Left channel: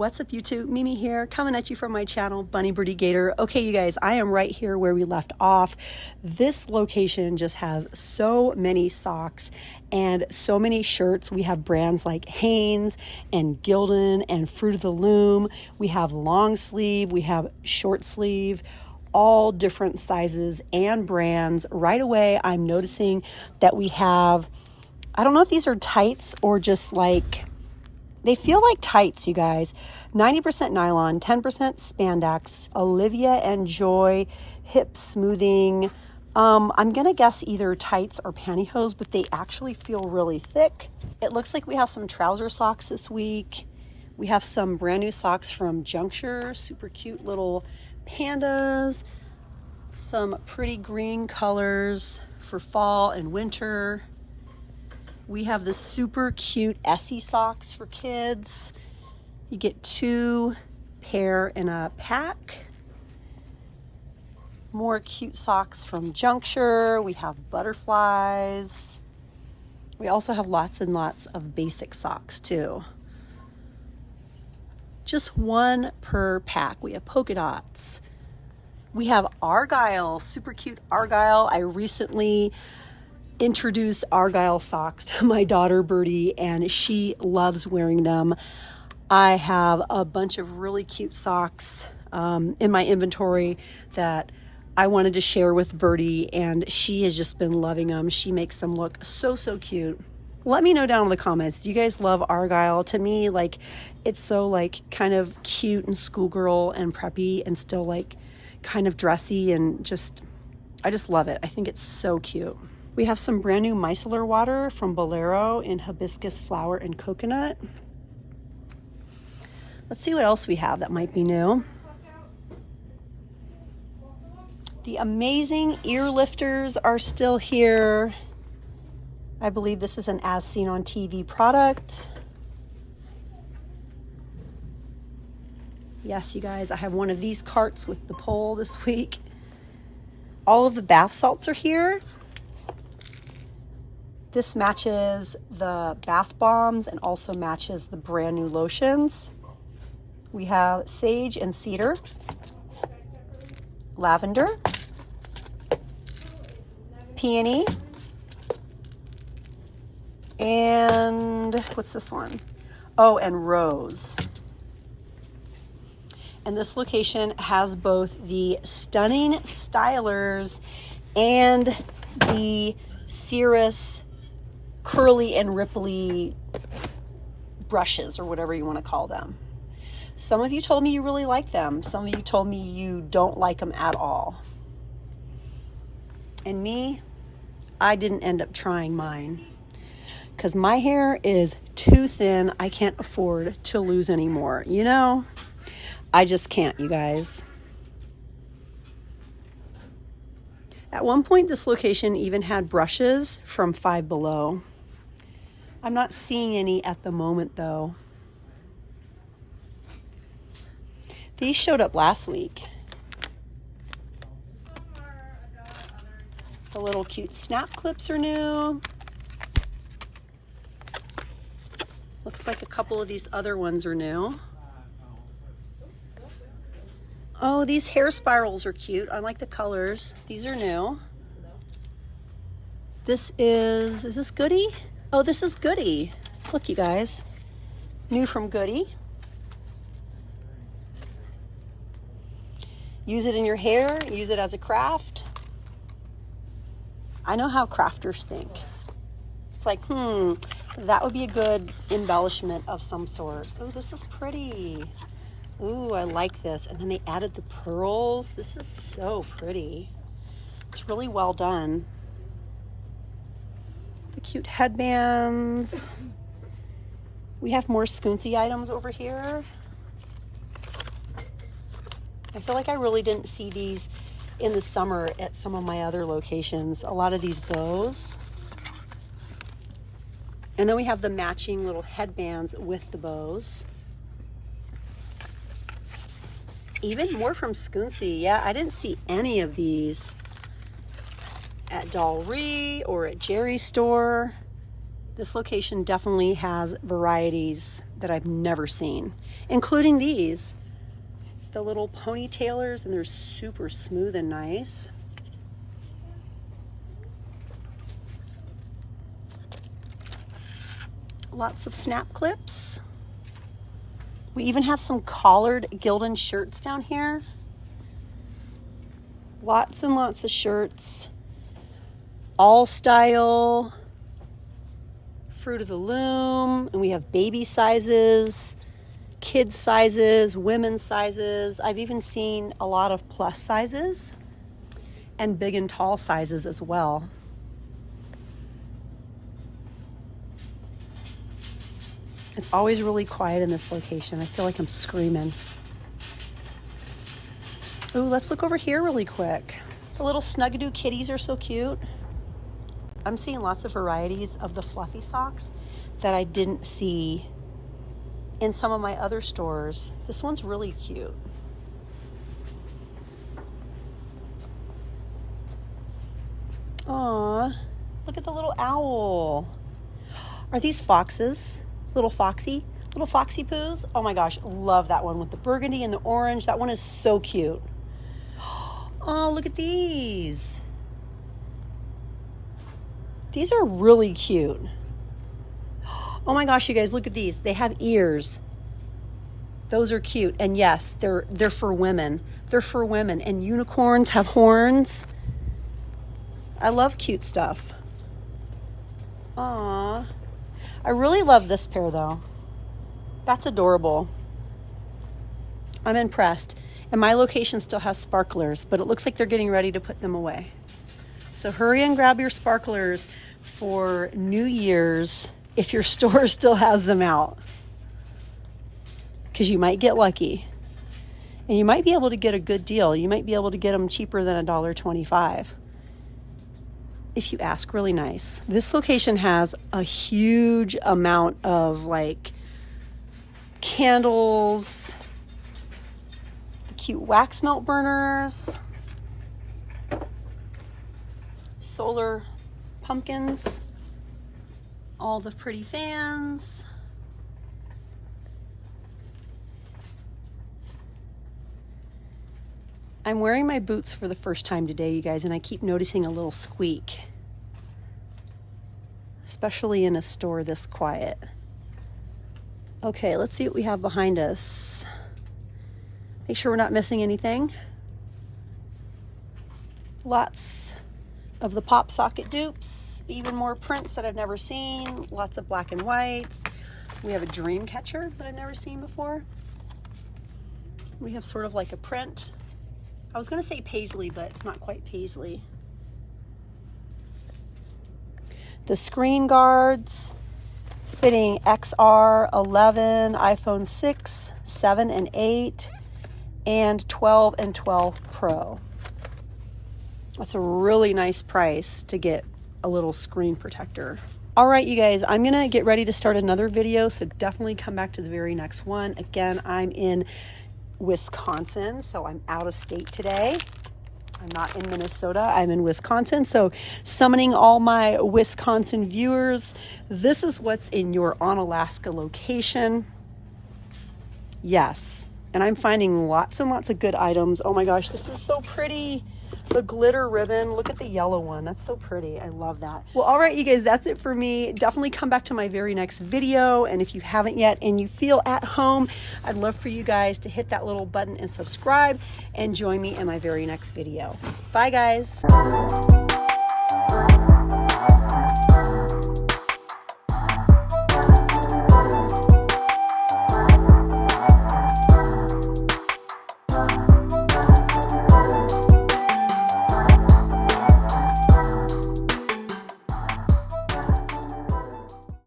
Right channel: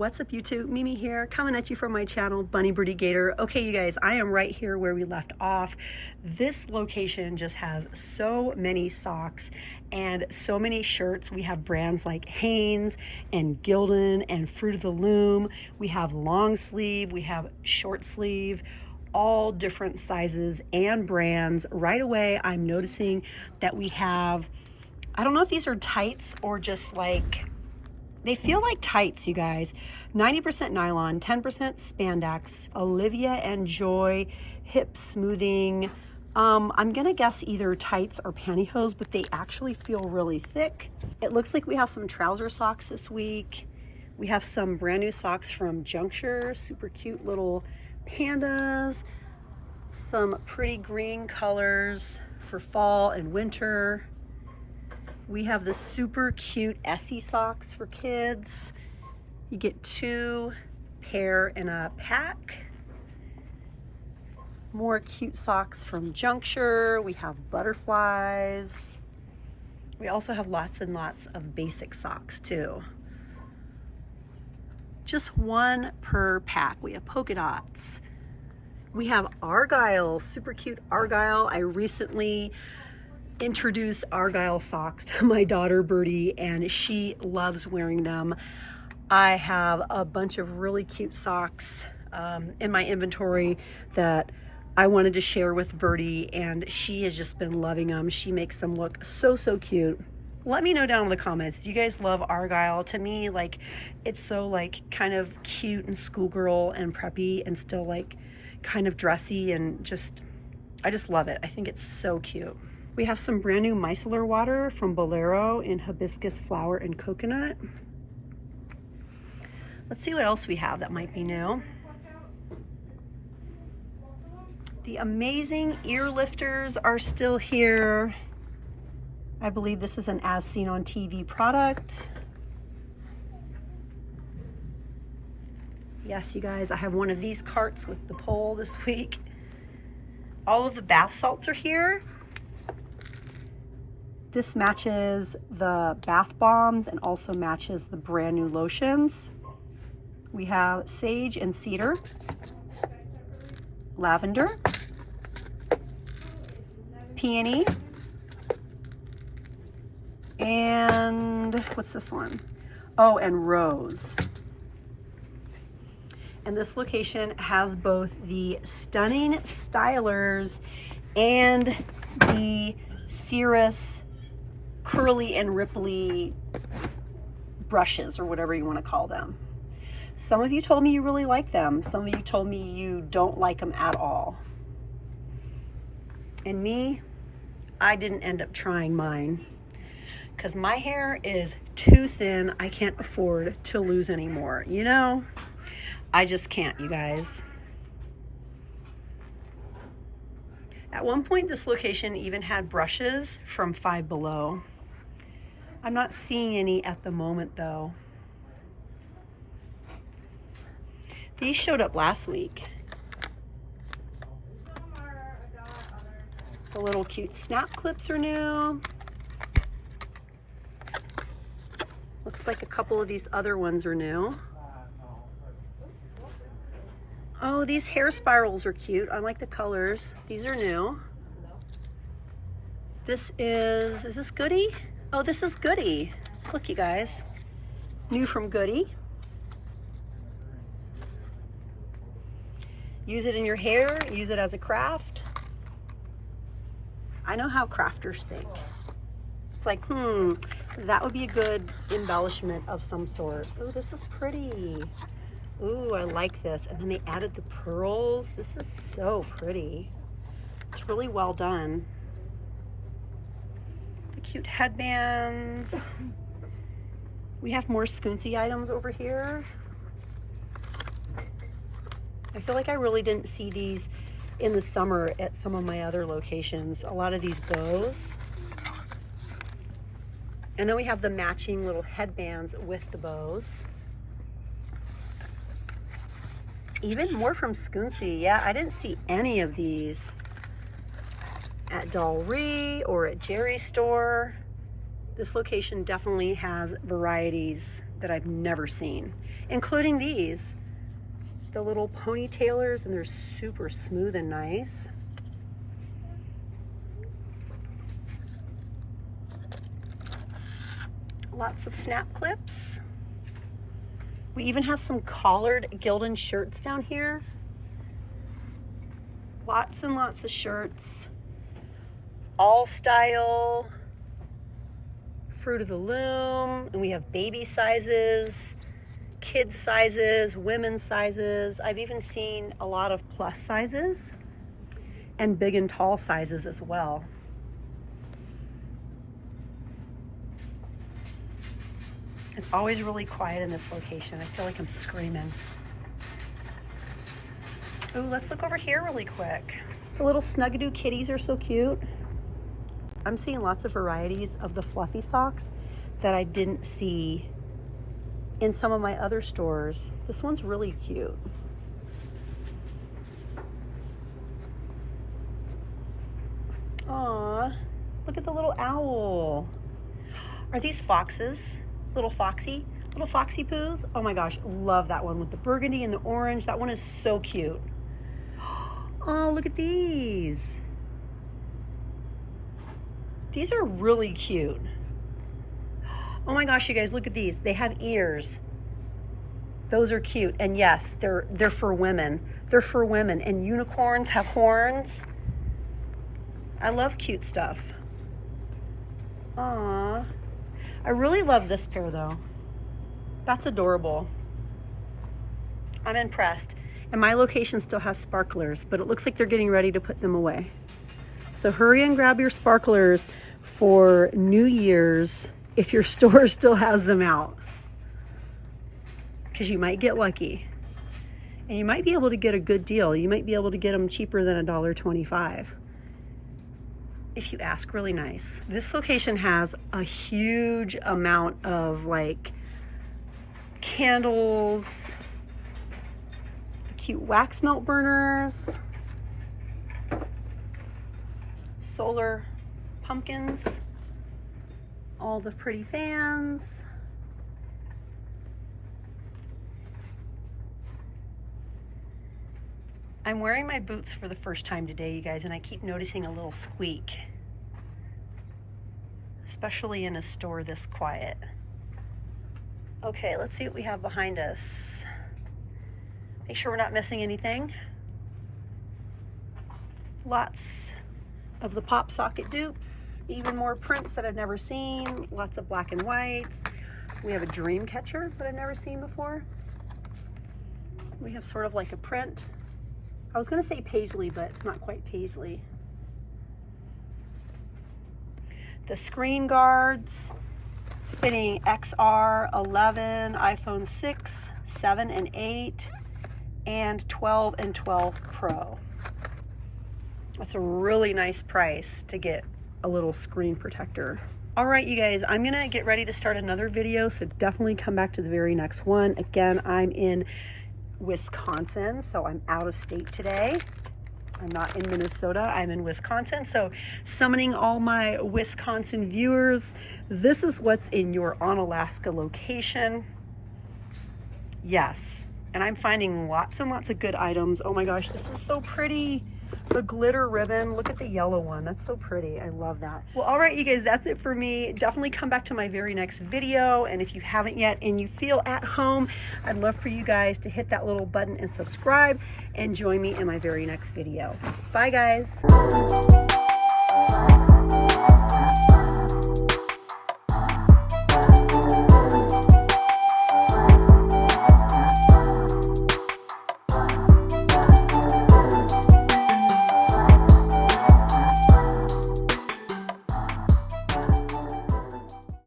What's up YouTube? Mimi here, coming at you from my channel, Bunny Birdy Gator. Okay, you guys, I am right here where we left off. This location just has so many socks and so many shirts. We have brands like Hanes and Gildan and Fruit of the Loom. We have long sleeve, we have short sleeve, all different sizes and brands. Right away, I'm noticing that we have, I don't know if these are tights or just like, they feel like tights, you guys. 90% nylon, 10% spandex, Olivia and Joy hip smoothing. I'm gonna guess either tights or pantyhose, but they actually feel really thick. It looks like we have some trouser socks this week. We have some brand new socks from Juncture, super cute little pandas. Some pretty green colors for fall and winter. We have the super cute Essie socks for kids. You get 2 pair in a pack. More cute socks from Juncture. We have butterflies. We also have lots and lots of basic socks too. Just 1 per pack. We have polka dots. We have Argyle, super cute Argyle. I recently introduced Argyle socks to my daughter Birdy and she loves wearing them. I have a bunch of really cute socks in my inventory that I wanted to share with Birdy and she has just been loving them. She makes them look so cute. Let me know down in the comments, do you guys love Argyle? To me, like, it's so like kind of cute and schoolgirl and preppy and still like kind of dressy and just, I just love it. I think it's so cute. We have some brand new micellar water from Bolero in hibiscus flower and coconut. Let's see what else we have that might be new. The amazing ear lifters are still here. I believe this is an As Seen on TV product. Yes, you guys, I have one of these carts with the pole this week. All of the bath salts are here. This matches the bath bombs and also matches the brand new lotions. We have sage and cedar, lavender, peony, and what's this one? Oh, and rose. And this location has both the stunning stylers and the Cirrus curly and ripply brushes or whatever you want to call them. Some of you told me you really like them. Some of you told me you don't like them at all. And me, I didn't end up trying mine because my hair is too thin. I can't afford to lose any more. You know, I just can't, you guys. At one point, this location even had brushes from Five Below. I'm not seeing any at the moment though. These showed up last week. The little cute snap clips are new. Looks like a couple of these other ones are new. Oh, these hair spirals are cute. I like the colors. These are new. Is this Goody? Oh, this is Goody. Look, you guys. New from Goody. Use it in your hair, use it as a craft. I know how crafters think. It's like, that would be a good embellishment of some sort. Oh, this is pretty. Ooh, I like this. And then they added the pearls. This is so pretty. It's really well done. The cute headbands. We have more scoonsy items over here. I feel like I really didn't see these in the summer at some of my other locations. A lot of these bows. And then we have the matching little headbands with the bows. Even more from Scoonsy. Yeah, I didn't see any of these at Dollaree or at Jerry's store. This location definitely has varieties that I've never seen, including these, the little ponytailers, and they're super smooth and nice. Lots of snap clips. We even have some collared Gildan shirts down here. Lots and lots of shirts. All style. Fruit of the Loom. And we have baby sizes, kids sizes, women's sizes. I've even seen a lot of plus sizes and big and tall sizes as well. It's always really quiet in this location. I feel like I'm screaming. Ooh, let's look over here really quick. The little Snuggadoo kitties are so cute. I'm seeing lots of varieties of the fluffy socks that I didn't see in some of my other stores. This one's really cute. Aw, look at the little owl. Are these foxes? Little foxy poos. Oh my gosh, love that one with the burgundy and the orange. That one is so cute. Oh, look at these. These are really cute. Oh my gosh, you guys, look at these. They have ears. Those are cute. And yes, they're for women. They're for women. And unicorns have horns. I love cute stuff. Aww. I really love this pair though. That's adorable. I'm impressed. And my location still has sparklers, but it looks like they're getting ready to put them away. So hurry and grab your sparklers for New Year's if your store still has them out. Because you might get lucky. And you might be able to get a good deal. You might be able to get them cheaper than $1.25. If you ask really nice. This location has a huge amount of like candles, the cute wax melt burners, solar pumpkins, all the pretty fans. I'm wearing my boots for the first time today, you guys, and I keep noticing a little squeak, especially in a store this quiet. Okay, let's see what we have behind us. Make sure we're not missing anything. Lots of the pop socket dupes, even more prints that I've never seen, lots of black and whites. We have a dream catcher that I've never seen before. We have sort of like a print. I was gonna say paisley, but it's not quite paisley. The screen guards fitting XR 11, iPhone 6, 7 and 8, and 12 and 12 Pro. That's a really nice price to get a little screen protector. All right, you guys, I'm gonna get ready to start another video, so definitely come back to the very next one. Again, I'm in Wisconsin, so I'm out of state today. I'm not in Minnesota, I'm in Wisconsin. So summoning all my Wisconsin viewers, this is what's in your On Alaska location. Yes, and I'm finding lots and lots of good items. Oh my gosh, this is so pretty. The glitter ribbon, look at the yellow one. That's so pretty, I love that. Well, all right, you guys, that's it for me. Definitely come back to my very next video. And if you haven't yet and you feel at home, I'd love for you guys to hit that little button and subscribe and join me in my very next video. Bye, guys.